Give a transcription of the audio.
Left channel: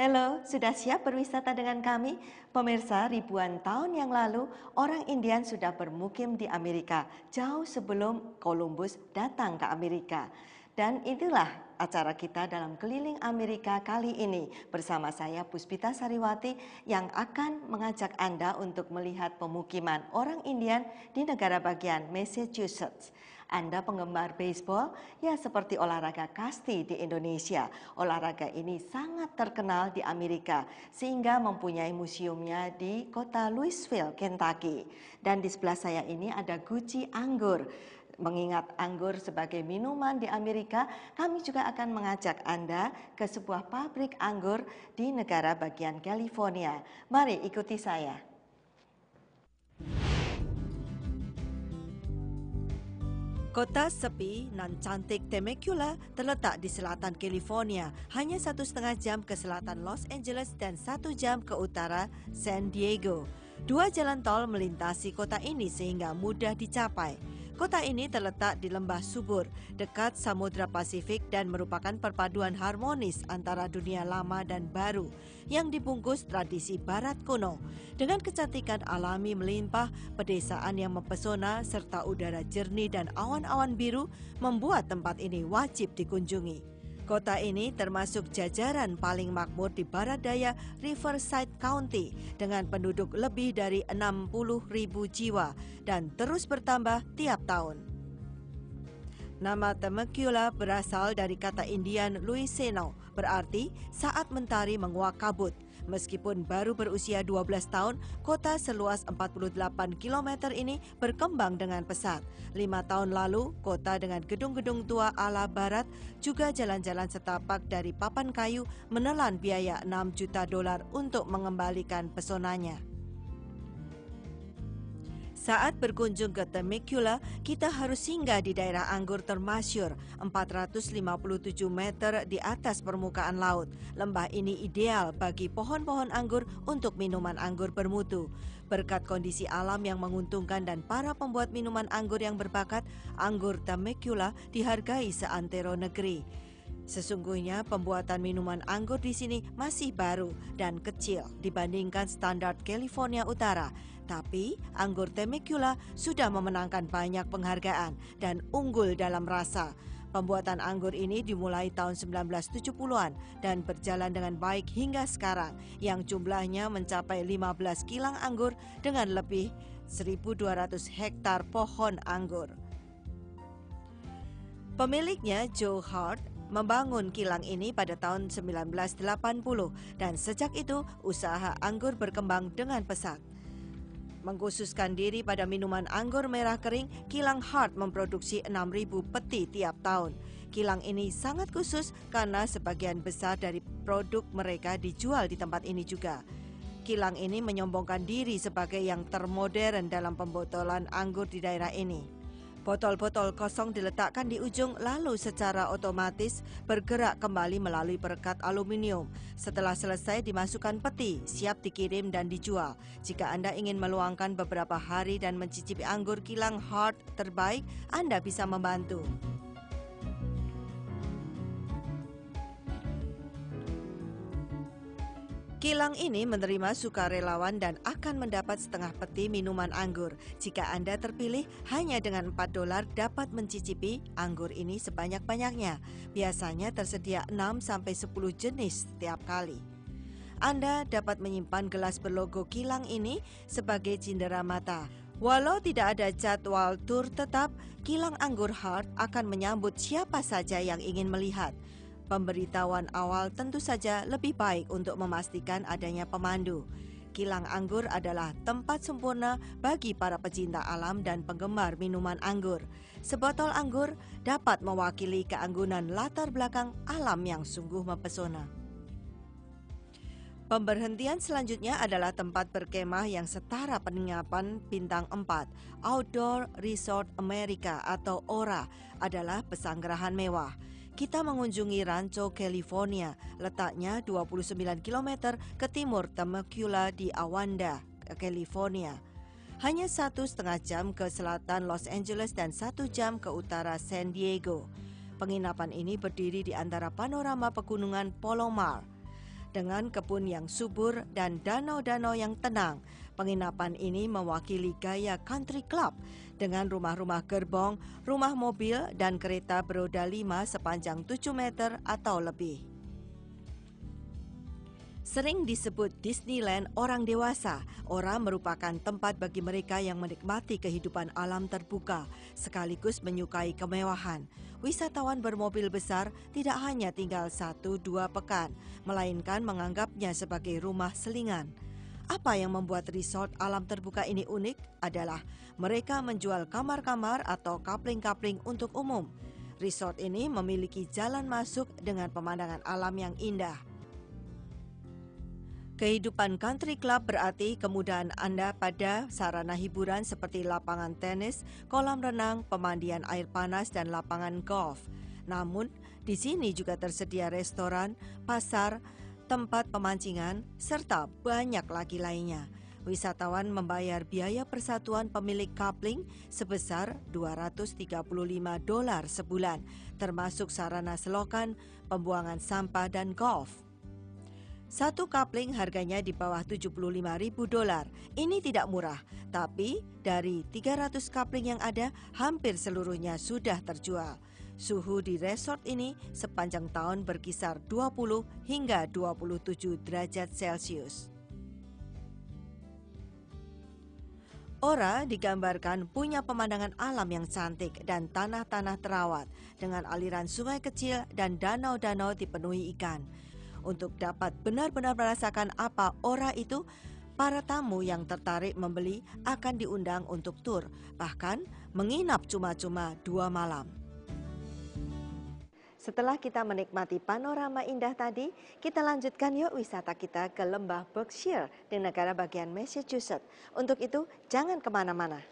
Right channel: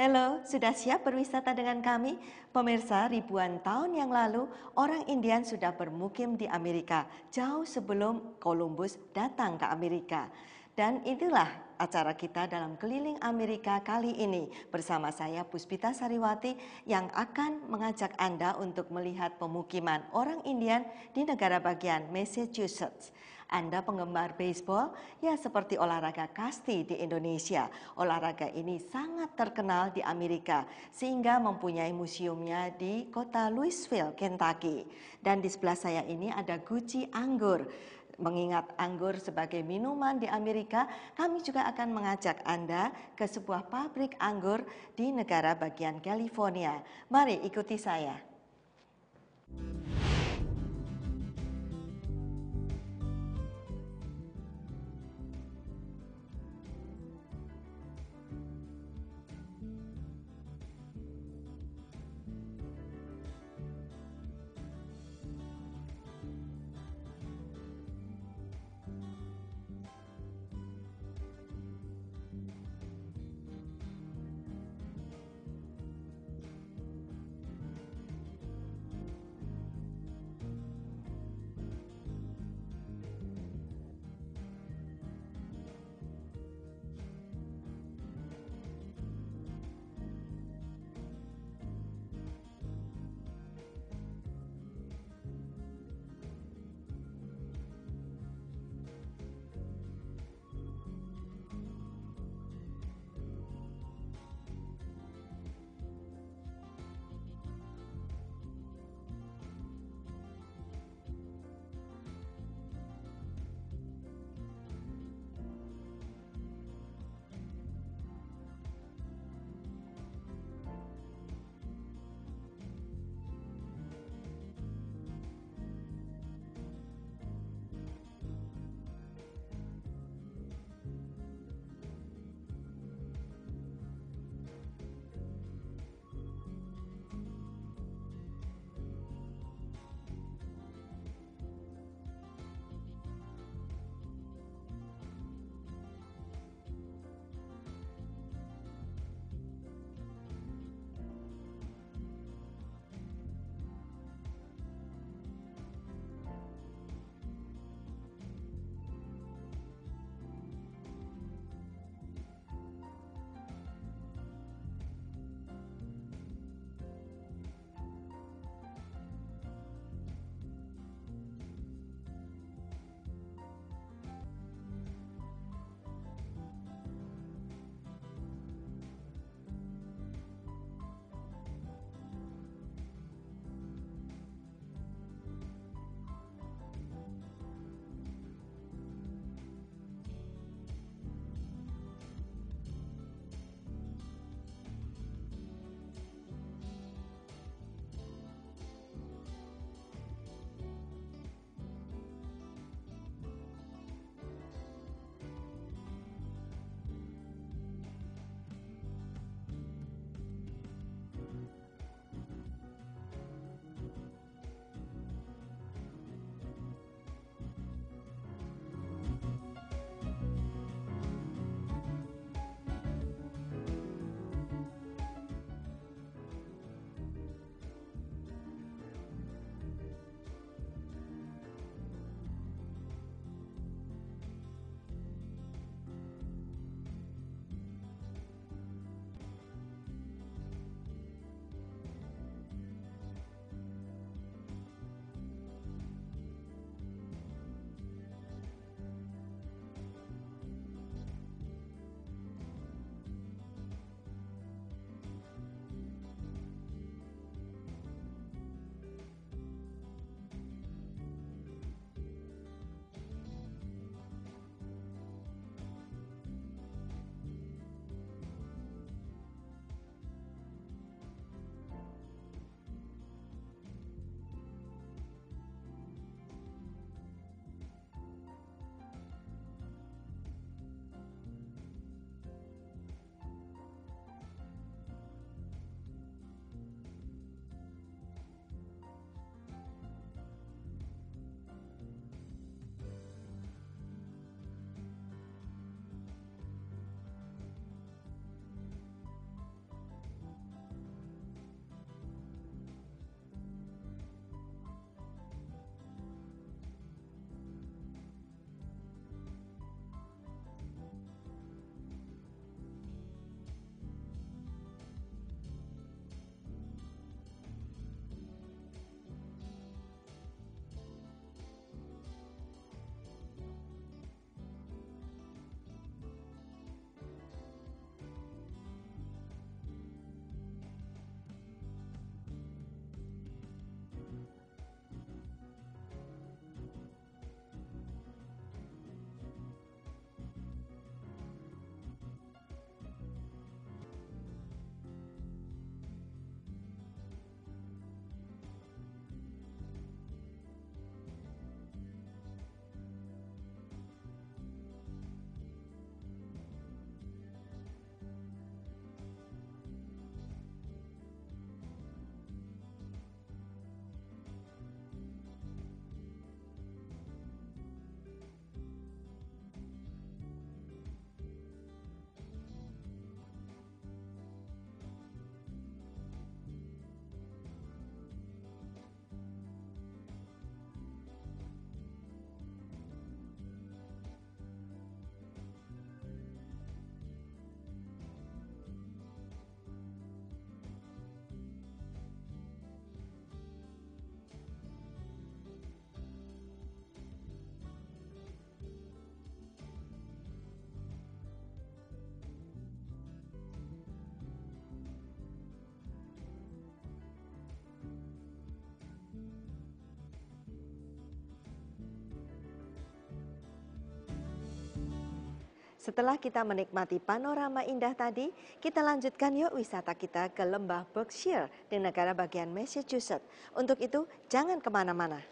Halo, sudah siap berwisata dengan kami? Pemirsa, ribuan tahun yang lalu, orang Indian sudah bermukim di Amerika, jauh sebelum Columbus datang ke Amerika. Dan inilah acara kita dalam Keliling Amerika kali ini bersama saya Puspita Sariwati yang akan mengajak Anda untuk melihat pemukiman orang Indian di negara bagian Massachusetts. Anda penggemar baseball? Ya, seperti olahraga kasti di Indonesia. Olahraga ini sangat terkenal di Amerika sehingga mempunyai museumnya di kota Louisville, Kentucky. Dan di sebelah saya ini ada guci anggur. Mengingat anggur sebagai minuman di Amerika, kami juga akan mengajak Anda ke sebuah pabrik anggur di negara bagian California. Mari ikuti saya. Kota sepi nan cantik Temecula terletak di selatan California, hanya 1,5 jam ke selatan Los Angeles dan 1 jam ke utara San Diego. 2 jalan tol melintasi kota ini sehingga mudah dicapai. Kota ini terletak di lembah subur, dekat Samudra Pasifik dan merupakan perpaduan harmonis antara dunia lama dan baru yang dibungkus tradisi barat kuno. Dengan kecantikan alami melimpah, pedesaan yang mempesona serta udara jernih dan awan-awan biru membuat tempat ini wajib dikunjungi. Kota ini termasuk jajaran paling makmur di barat daya Riverside County dengan penduduk lebih dari 60.000 jiwa dan terus bertambah tiap tahun. Nama Temecula berasal dari kata Indian Luiseno, berarti saat mentari menguak kabut. Meskipun baru berusia 12 tahun, kota seluas 48 km ini berkembang dengan pesat. 5 tahun lalu, kota dengan gedung-gedung tua ala barat juga jalan-jalan setapak dari papan kayu menelan biaya $6 juta untuk mengembalikan pesonanya. Saat berkunjung ke Temecula, kita harus singgah di daerah anggur termasyur 457 meter di atas permukaan laut. Lembah ini ideal bagi pohon-pohon anggur untuk minuman anggur bermutu. Berkat kondisi alam yang menguntungkan dan para pembuat minuman anggur yang berbakat, anggur Temecula dihargai seantero negeri. Sesungguhnya pembuatan minuman anggur di sini masih baru dan kecil dibandingkan standar California Utara. Tapi anggur Temecula sudah memenangkan banyak penghargaan dan unggul dalam rasa. Pembuatan anggur ini dimulai tahun 1970-an dan berjalan dengan baik hingga sekarang yang jumlahnya mencapai 15 kilang anggur dengan lebih 1.200 hektar pohon anggur. Pemiliknya Joe Hart membangun kilang ini pada tahun 1980 dan sejak itu usaha anggur berkembang dengan pesat. Mengkhususkan diri pada minuman anggur merah kering, kilang Hart memproduksi 6.000 peti tiap tahun. Kilang ini sangat khusus karena sebagian besar dari produk mereka dijual di tempat ini juga. Kilang ini menyombongkan diri sebagai yang termodern dalam pembotolan anggur di daerah ini. Botol-botol kosong diletakkan di ujung lalu secara otomatis bergerak kembali melalui perekat aluminium. Setelah selesai dimasukkan peti, siap dikirim dan dijual. Jika Anda ingin meluangkan beberapa hari dan mencicipi anggur kilang Hart terbaik, Anda bisa membantu. Kilang ini menerima sukarelawan dan akan mendapat setengah peti minuman anggur. Jika Anda terpilih, hanya dengan $4 dapat mencicipi anggur ini sebanyak-banyaknya. Biasanya tersedia 6-10 jenis setiap kali. Anda dapat menyimpan gelas berlogo kilang ini sebagai cindera mata. Walau tidak ada jadwal tur tetap, kilang anggur Hart akan menyambut siapa saja yang ingin melihat. Pemberitahuan awal tentu saja lebih baik untuk memastikan adanya pemandu. Kilang anggur adalah tempat sempurna bagi para pecinta alam dan penggemar minuman anggur. Sebotol anggur dapat mewakili keanggunan latar belakang alam yang sungguh mempesona. Pemberhentian selanjutnya adalah tempat berkemah yang setara penginapan bintang 4. Outdoor Resort America atau ORA adalah pesanggerahan mewah. Kita mengunjungi Rancho California, letaknya 29 km ke timur Temecula di Awanda, California. Hanya 1,5 jam ke selatan Los Angeles dan 1 jam ke utara San Diego. Penginapan ini berdiri di antara panorama pegunungan Palomar. Dengan kebun yang subur dan danau-danau yang tenang, penginapan ini mewakili gaya country club dengan rumah-rumah gerbong, rumah mobil, dan kereta beroda 5 sepanjang 7 meter atau lebih. Sering disebut Disneyland orang dewasa, Ora merupakan tempat bagi mereka yang menikmati kehidupan alam terbuka, sekaligus menyukai kemewahan. Wisatawan bermobil besar tidak hanya tinggal 1-2 pekan, melainkan menganggapnya sebagai rumah selingan. Apa yang membuat resort alam terbuka ini unik adalah mereka menjual kamar-kamar atau kapling-kapling untuk umum. Resort ini memiliki jalan masuk dengan pemandangan alam yang indah. Kehidupan country club berarti kemudahan Anda pada sarana hiburan seperti lapangan tenis, kolam renang, pemandian air panas, dan lapangan golf. Namun, di sini juga tersedia restoran, pasar, tempat pemancingan, serta banyak lagi lainnya. Wisatawan membayar biaya persatuan pemilik kapling sebesar $235 sebulan, termasuk sarana selokan, pembuangan sampah, dan golf. Satu kapling harganya di bawah $75.000. Ini tidak murah, tapi dari 300 kapling yang ada, hampir seluruhnya sudah terjual. Suhu di resort ini sepanjang tahun berkisar 20 hingga 27 derajat Celcius. Ora digambarkan punya pemandangan alam yang cantik dan tanah-tanah terawat dengan aliran sungai kecil dan danau-danau dipenuhi ikan. Untuk dapat benar-benar merasakan apa Ora itu, para tamu yang tertarik membeli akan diundang untuk tur, bahkan menginap cuma-cuma 2 malam. Setelah kita menikmati panorama indah tadi, kita lanjutkan yuk wisata kita ke lembah Berkshire di negara bagian Massachusetts. Untuk itu, jangan kemana-mana.